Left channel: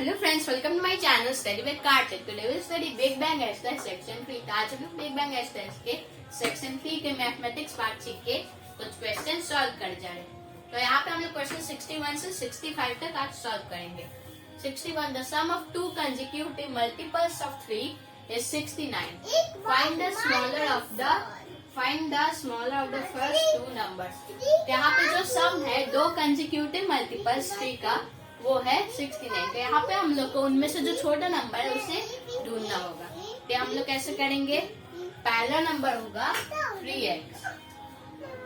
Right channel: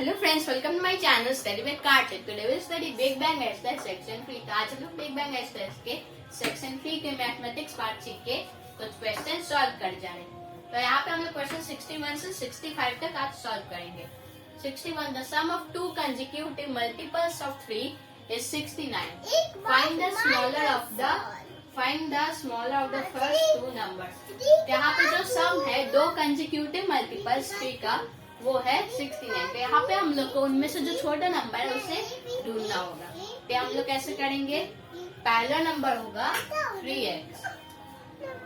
Hello friends, welcome to my channel study with Kartik. Today will study big bang exercise section 3। आज हम लोग big bang exercise के section 3 के mathematics part सीख के कुछ क्वेश्चन सॉल्व कर जा रहे हैं। तो यहाँ पे हम लोग क्वेश्चन 61 से 65 तक आज सॉल्व करेंगे। 61, the sum of two consecutive multiples of 3 is 69. Find the smaller of the first two numbers. यहाँ पे जो सम है दो कंसेक्यूटिव मल्टीपल्स 3 का वो है 69। तो यहाँ पे हम लोग को उनमें से जो छोटा नंबर है उसे ढूंढना होगा। तो हम लोग कैसे करेंगे, पहला नंबर होगा 3x,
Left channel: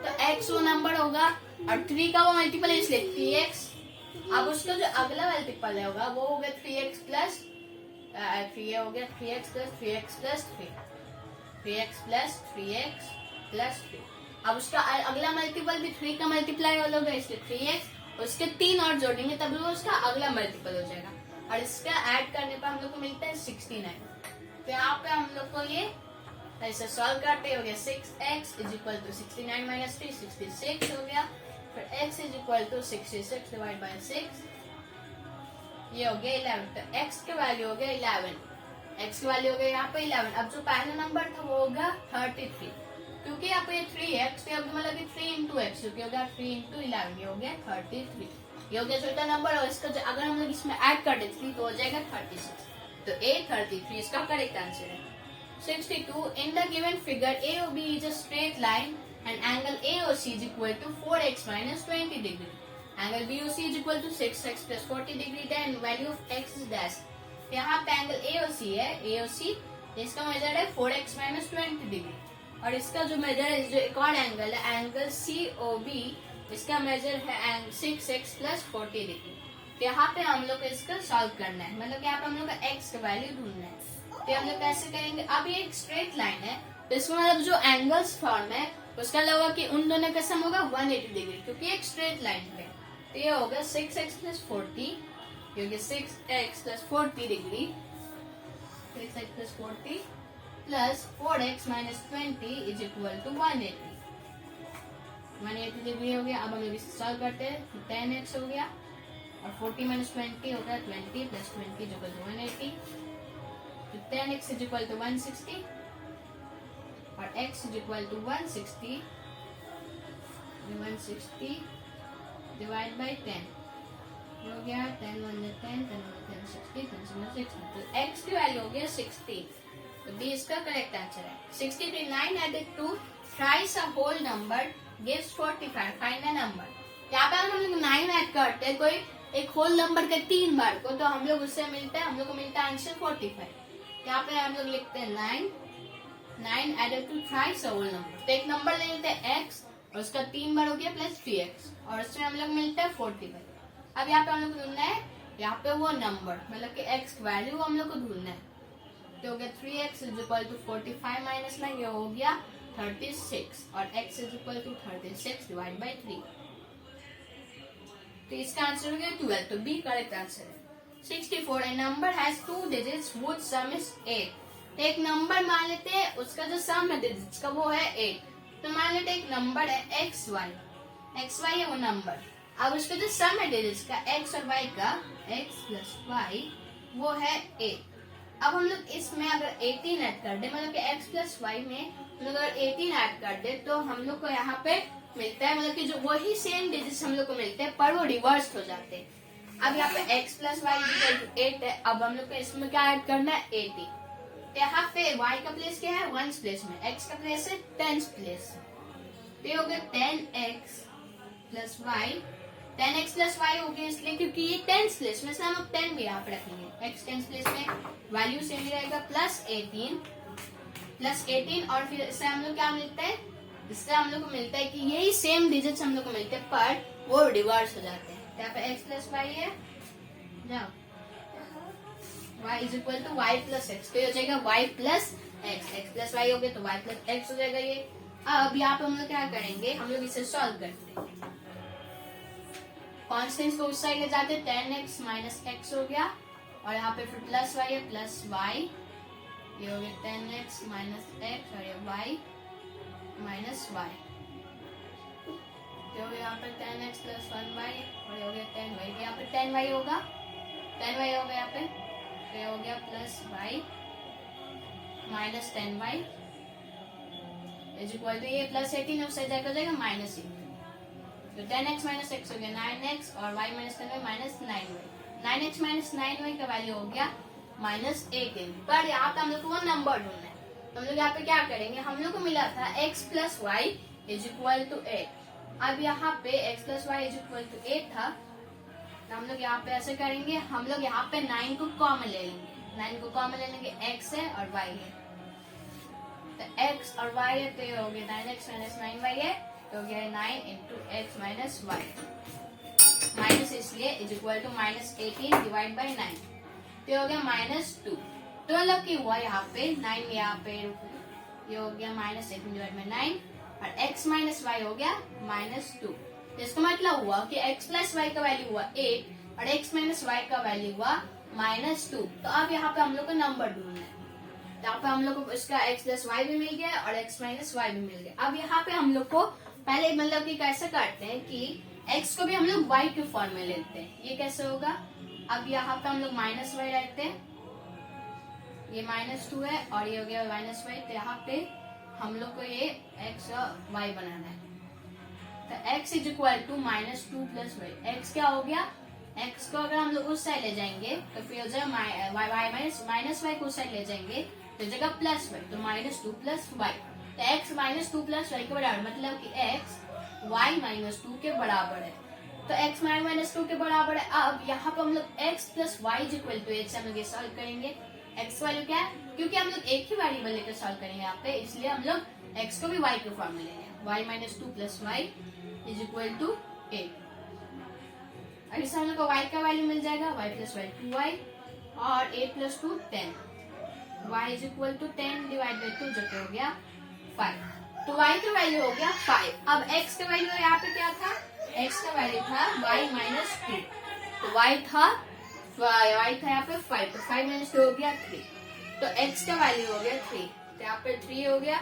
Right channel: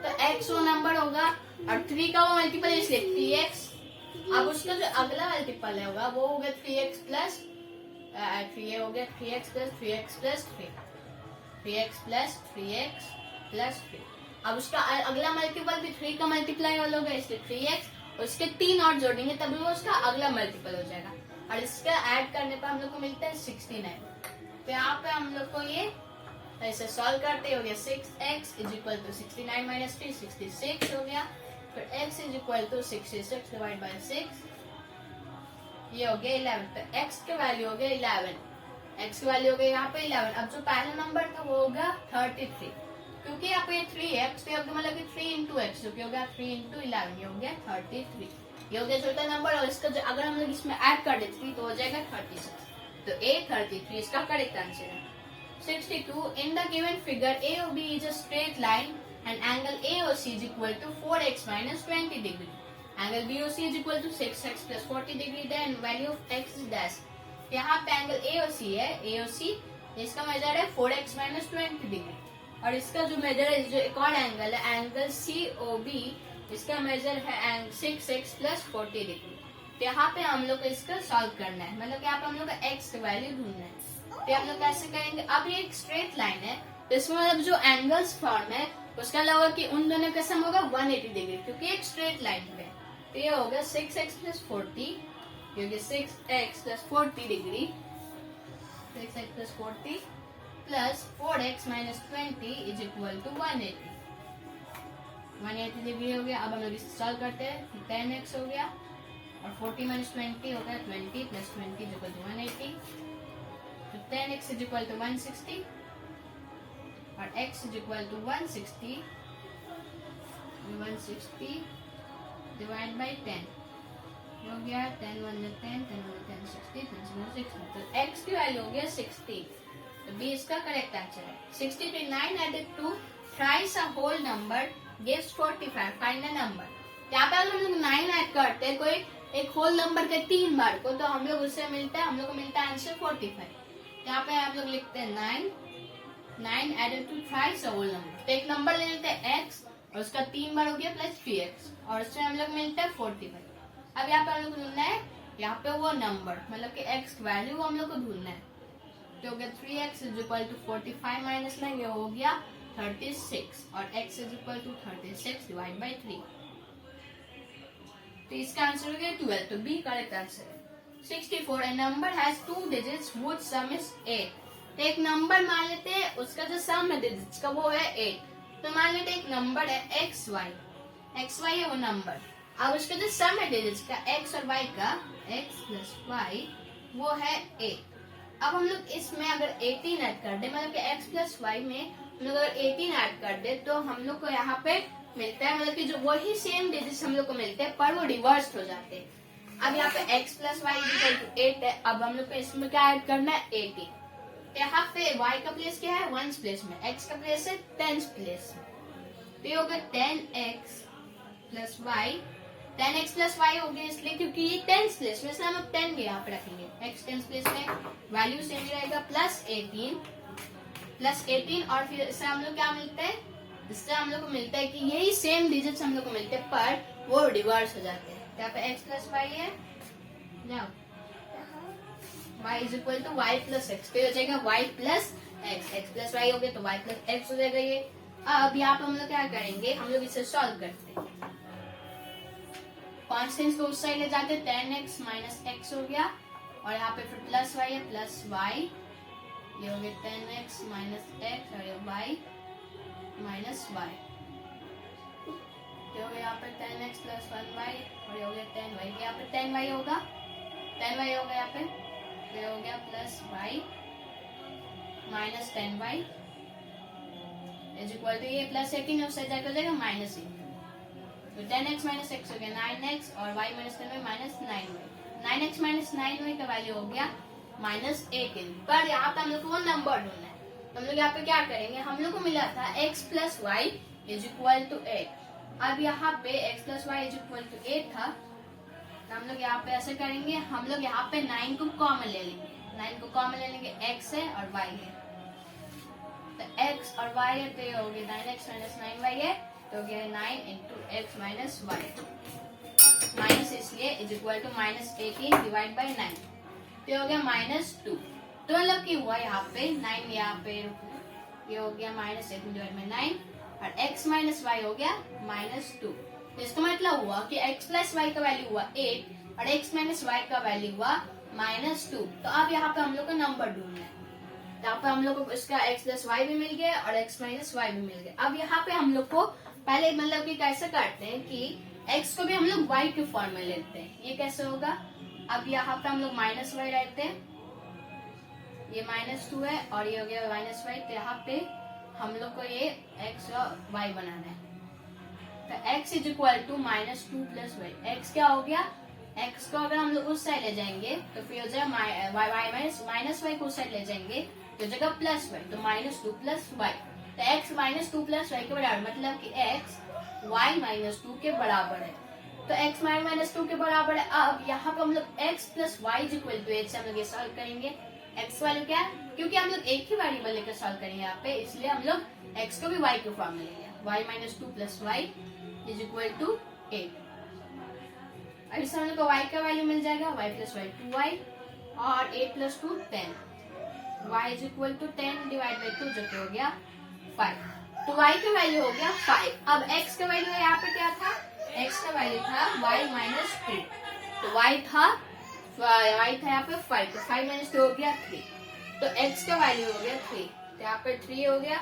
तो x वो नंबर होगा और 3 का वो मल्टीपल है इसलिए 3x। अब उसका जो अगला मल्टीपल होगा वो होगा 3x प्लस 3 हो गया 3x plus 3x plus 3x plus 3x plus 3। अब उसका अगला मल्टीपल भी 3 का मल्टीप्लाई होगा इसलिए 3x, उसके 3 और जोड़ेंगे तब वो उसका अगला मल्टीपल हो जाएगा और इसका ऐड करने पर हम लोग को मिलता है 69। तो यहाँ पे हम लोग को ये ऐसे सॉल्व करते हो गया 6x is equal to 69 minus 3 66 हो गया। फिर x is equal to 66 divide by 6, ये हो गया 11। तो x का वैल्यू हो गया 11, x की वैल्यू हो गया यहाँ पे 11। अब जो पहला नंबर था वो होगा 33, क्योंकि यहाँ पे 3x पे मतलब कि 3 इंटू एक्स जो कि हो गया 3 इंटू 11, ये हो गया 33। ये हो गया छोटा नंबर और इसका अगर हम लोग इसमें ऐड कर दे 3 तो हो जाएगा 36। तो a 33 इसका करेक्ट आंसर है। 62, in the given figure AOB is a straight line and angle AOC is equal to 4x minus 20 degree. Angle BOC is equal to 6x plus 40 degree, then value of x is dash. यहाँ पे angle AOC है, AOC इसका measure है 4x minus 20 degree और इसका जो major है जो एक और एंगल है एंगल COB, इसका मेजर है 6x प्लस 40 डिग्री। तो यहाँ पे हम लोग को इसका सॉल्व करना है, मतलब यहाँ पे हम लोग का x का वैल्यू ढूंढना है। तो हम लोग कैसे करेंगे, अब ये एक स्ट्रेट लाइन है तो इसमें मतलब जो एंगल्स फॉर्म है उसका लगा कि उन दोनों का सम होगा 180 डिग्री, क्योंकि एक स्ट्रेट लाइन पे। तो ये होगा 6x प्लस 40, ये होगा 6x plus 40 degree, 6x plus 40 plus 4x minus 20 is equal to 180 degree हो गया। अब हम लोग इसे सॉल्व करते हैं, 10x हो गया और 40 माइनस 20 होगा 20 प्लस 20 जो 180। तो 10x इज इक्वल टू 160 और x is equal to 160 divide by 10 हो गया 10 1 10 10 10 60 60। तो x की वैल्यू हो गया 60, तो बी इसका करेक्ट आंसर है। 63, 9 added to thrice a whole number gives 45. Find a number. यहाँ पे हम लोग 9 ऐड करते हैं कोई एक होल नंबर के 3 बार को, तो हम लोग उससे मिलता है, हम लोग को मिलता है आंसर 45। यहाँ पे हम लोग लिखते हैं 9 added to thrice a whole number। तो एक नंबर ले लेते हैं x और उसका 3 बार हो गया प्लस 3x और उससे हम लोग मिलता है 45। अब यहाँ पे हम लोग को ढूंढना है यहाँ पे वो नंबर, मतलब कि x वैल्यू हम लोग को ढूंढना है। तो हो गया 3x is equal to 45 minus 9, ये हो गया 36 और x is equal to 36 divide by 3। तो इसका आंसर हो गया 12, तो बी करेक्ट आंसर है। 64, a number has 2 digits which sum is 8। तो एक नंबर मान लेते हैं उसका जो सम है डिजिट्स का वो है 8। तो मान लेते एक नंबर है xy है वो नंबर। अब उसका जो सम है डिजिट्स का x और y का, x प्लस y वो है 8। अब हम लोग इसमें अगर 18 ऐड कर दे, मतलब कि x प्लस वाई में हम लोग अगर 18 ऐड कर दे तो हम लोग को यहाँ पे मिलता है, मतलब कि जो वही सेम डिजिट्स हम लोग को मिलते हैं पर वो रिवर्स हो जाते हैं। अब यहाँ पे x plus y equal to 8 है। अब हम लोग को इसमें क्या ऐड करना है 18। तो यहाँ पे y का प्लेस क्या है 1 प्लेस में, x का प्लेस है 10 प्लेस में। तो ये होगा 10x plus Y, 10x plus y हो गया इसलिए क्योंकि ये 10 प्लेस में, हम लोग 10 भी यहाँ पे रखेंगे। x 10 प्लेस में वैल्यू सेम ही रहेगा प्लस 18 और फिर इससे हम लोग क्या मिलता है, इससे हम लोग को मिलता है कि यही सेम डिजिट्स हम लोग को मिलते हैं पर वो रिवर्स हो जाते हैं। यहाँ पे x प्लस वाई है, जाओ y is equal to y plus x, फिर हो जाएगा y plus x, x plus y हो गया तो y प्लस एक्स हो जाएगा ये। अब यहाँ पे हम लोग क्या करेंगे, हम लोग इसे सॉल्व करते हैं। कॉन्स्टेंट्स को उस साइड ले जाते, 10x माइनस एक्स हो गया और यहाँ पे फिर प्लस वाई है प्लस वाई, ये हो गया 10x माइनस एक्स और ये y माइनस वाई। तो यहाँ पे 10x प्लस 1y और ये हो गया 10y, यहाँ पे 10y होगा 10y हो गया यहाँ पे, तो ये हो गया plus y minus 10y is equal to, ये प्लस 18 उससे जाकर हो जाएगा माइनस 18, तो 10x माइनस x हो गया 9x और y minus 10y minus 9y, 9x minus 9y का वैल्यू हो गया माइनस 18। पर यहाँ पे हम लोग को वो नंबर ढूंढना है, हम लोग यहाँ पे क्या करेंगे, हम लोग को मिला था x plus y is equal to 8, अब यहाँ पे x plus y is equal to 8 था, तो हम लोग यहाँ पे ऐसे करेंगे, हम लोग यहाँ पे 9 को कॉमन ले लेंगे, 9 को कॉमन ले लेंगे, x है और y है, तो x और y है, तो ये हो गया 9x माइनस 9y है, तो हो गया 9 into x minus y, minus इसलिए is equal to minus 18 divide by 9, तो हो गया माइनस 2, तो मतलब की हुआ यहाँ पे 9 यहाँ पे, ये हो गया माइनस 18 डिवाइड बाई 9 और x माइनस वाई हो गया माइनस 2, तो इसका मतलब हुआ कि x प्लस वाई का वैल्यू हुआ 8 और x माइनस वाई का वैल्यू हुआ माइनस 2। तो अब यहाँ पे हम लोग को नंबर ढूंढना है, तो यहाँ पे हम लोग को इसका x प्लस वाई भी मिल गया और x माइनस वाई भी मिल गया। अब यहाँ पे हम लोग को पहले मतलब कि कैसे करते हैं कि x को भी हम लोग y के फॉर्म में लेते हैं, ये कैसे होगा, अब यहाँ पे हम लोग माइनस वाई रहते हैं, ये माइनस 2 है और ये हो गया माइनस वाई, तो यहाँ पे हम लोग को ये x और y बनाना है, तो x is equal to minus 2 plus y, x क्या हो गया, x को अगर हम लोग उस साइड ले जाएंगे तो फिर हो जाएगा माइनस वाई को उस साइड ले जाएंगे तो जगह प्लस वाई, तो माइनस 2 प्लस वाई, तो x माइनस 2 प्लस वाई के बराबर, मतलब कि x y माइनस 2 के बराबर है, तो x माइनस 2 के बराबर है। अब यहाँ पे हम लोग x plus y is equal to H से हम लोग ये सॉल्व करेंगे, x वैल्यू क्या है, क्योंकि हम लोग एक ही वेरिएबल लेकर सॉल्व करेंगे यहाँ पे, इसलिए हम लोग x को भी y के फॉर्म में ले लिया, y minus 2 plus y is equal to 8, अब इससे हम लोग को y का वैल्यू मिल जाएगा, y प्लस वाई 2y और 8 plus 2 10, y is equal to 10 divide by 2 जो कि हो गया 5, तो y का वैल्यू हो गया 5। अब x का वैल्यू यहाँ पे क्या था, x का वैल्यू था y माइनस 2, तो y था यहाँ पे 5, तो 5 माइनस 2 हो गया 3, तो x का वैल्यू हो गया 3, तो यहाँ पे 3 हो गया।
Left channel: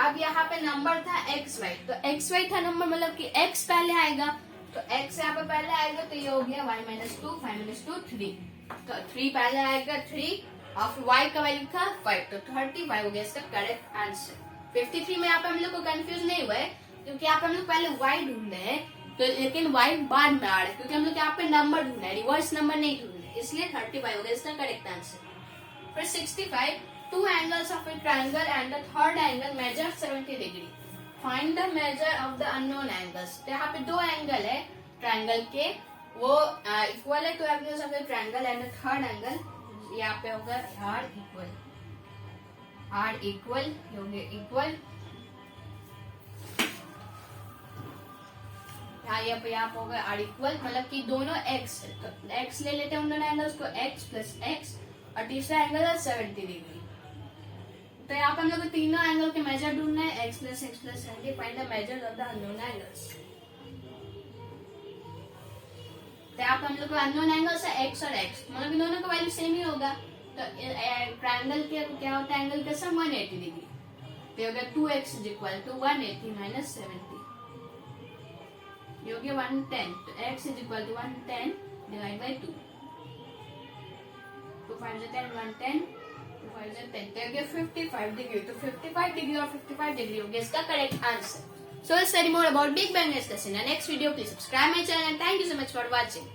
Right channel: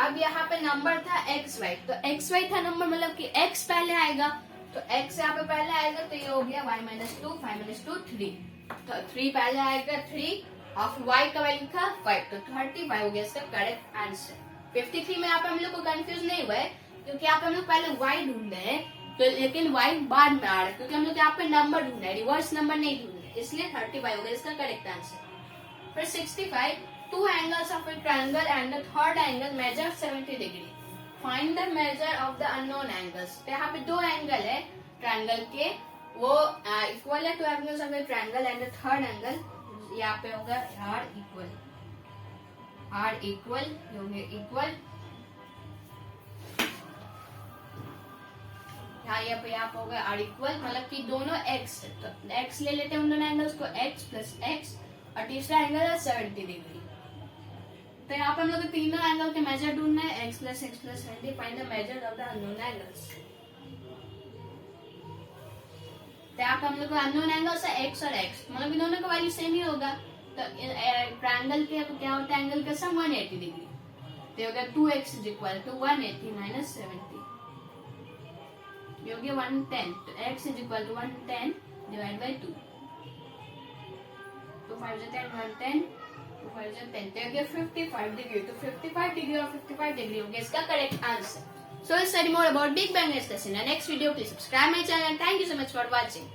अब यहाँ पे नंबर था xy, तो xy था नंबर, मतलब कि x पहले आएगा, तो x यहाँ पे पहले आएगा, तो ये हो गया y माइनस 2, 5 माइनस 2 3, तो 3 पहले आएगा 3 और y का वैल्यू था 5, तो 35 हो गया इसका करेक्ट आंसर। 53 में यहाँ पे हम लोग को कंफ्यूज नहीं हुए, क्योंकि यहाँ पे हम लोग पहले y ढूंढ रहे हैं, तो लेकिन y बाद में आ रहा है, क्योंकि हम लोग यहाँ पे नंबर ढूंढ रहे हैं, रिवर्स नंबर नहीं ढूंढ रहे, इसलिए 35 हो गया इसका करेक्ट आंसर। फिर 65, two angles of a triangle and the third angle measure 70 degree. Find the measure of the unknown angles. तो यहाँ पे दो एंगल है ट्रायंगल के, वो इक्वल है, two angles of the triangle and the third angle यहाँ पे होगा r इक्वल इक्वल, यहाँ पे होगा r इक्वल, मतलब कि दोनों x है, तो x ले लेते हैं उन दोनों एंगल्स को, x प्लस x और तीसरा एंगल है 70 डिग्री। तो यहाँ पे हम लोग को तीनों एंगल के मेजर ढूंढना है, x plus 70, find the measure of the unknown angles. तो यहाँ पे हम लोग को अननोन एंगल्स है x और x, मतलब इन दोनों का वैल्यू सेम ही होगा, तो ट्रायंगल के क्या होता है एंगल का सम 180 डिग्री, तो हो गया 2x is equal to 180 minus 70, ये हो गया 110, तो x is equal to 110 divide by 2, 2 5 10 110, 2 5 10, तो हो गया 55 डिग्री, तो 55 डिग्री और 55 डिग्री हो गया इसका correct answer. So let's study more about Big Bang discussion in the next video. Please subscribe my channel and thank you so much for watching.